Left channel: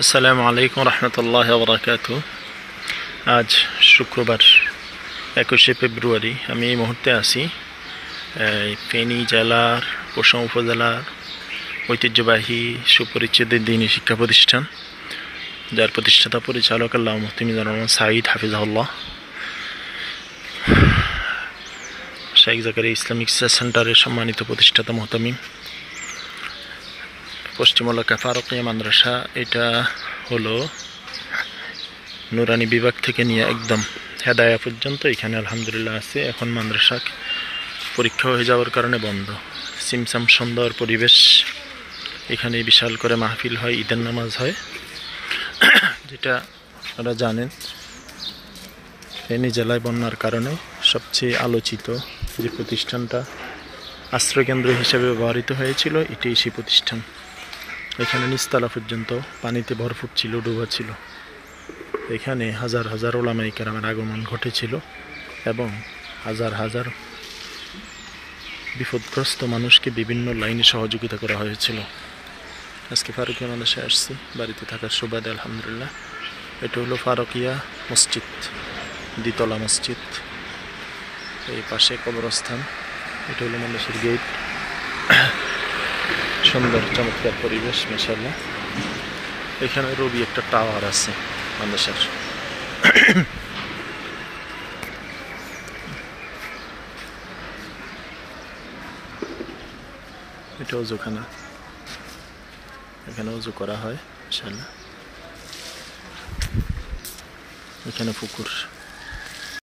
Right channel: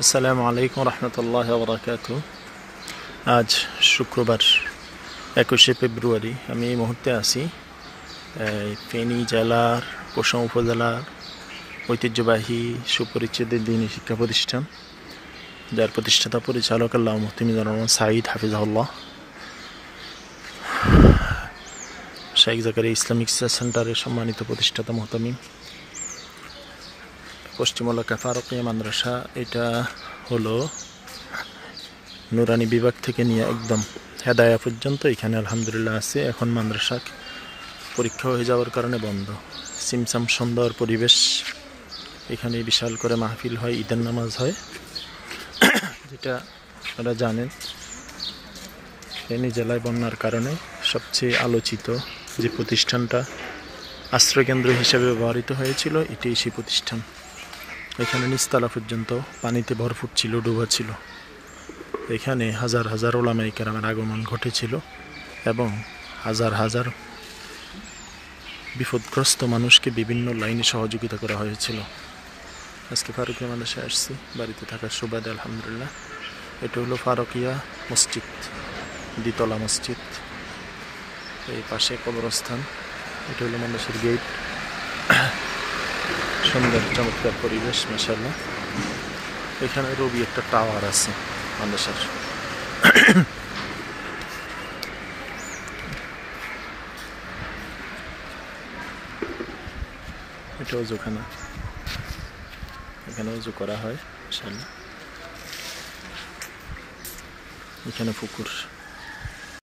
আসসালামু আলাইকুম রহমতুল্লাহ বারাকাতু। আজ শুক্রবার 21শে ফেব্রুয়ারি। আমি এই মুহূর্তে আছি ফেনী জেলার কোশাম উপজেলার ঐতিহ্যবাহী সুপরিচিত দ্বীনি শিক্ষা প্রতিষ্ঠান, যার প্রতিষ্ঠাতা পরিচালক আল্লামা মুফতি মিজানুর রহমান সাঈদ হাফিজাহুল্লাহ। শাইখ জাকারিয়া ইসলামিক সেন্টারের সম্মানিত প্রতিষ্ঠাতা মুহতামিম। পশ্চিম এলাকা ফারুকিয়া মাদ্রাসা। এটা হলো নুরানি বিভাগ থেকে নিয়ে একদম হেদায়া পর্যন্ত এখানে আলহামদুলিল্লাহ আছে। এখন মাদ্রাসা পরীক্ষা হয়ে যাওয়ার কারণে বন্ধ। সিমসাম সুন্দর পরিবেশ। এখানে বিশাল করে মাহফিল হয়, ঈদের নামাজ হয়। যেটা আপনারা জানেন, ফেনী জেলায় বন্যার কারণে সবচেয়ে আলোচিত যে প্রতিষ্ঠানটা আশ্রয়কেন্দ্র হিসেবে ব্যবহৃত হয়েছিল, এটাই সেই প্রতিষ্ঠান। এখানে নিচতলা পর্যন্ত পানিতে ভরপুর ছিল, ডুবা ছিল। এখানে হাজার হাজার উলামায়ে কেরামের আগমন ঘটেছিল এবং হাজার হাজার বিপদগ্রস্ত মানুষকে বিভিন্ন লাইনে সহযোগিতা করা হয়েছিল। আজকে ফারুকিয়া মাদ্রাসায় আসছি বাড়িতে থাকার সুবাদে আলহামদুলিল্লাহ। এটা হলো ফারুকিয়া মসজিদ, দ্বিতলা মসজিদ। এই পাশে কবরস্থান। এটা হলো মাদ্রাসার গেট। সুন্দর চমৎকার পরিবেশ মাশাআল্লাহ। এখানে রবি একটা টাওয়ার আছে মাদ্রাসার। এটা ওযুখানা, এখানে ওযু করা হয় মাশাআল্লাহ। এখানে পুকুর।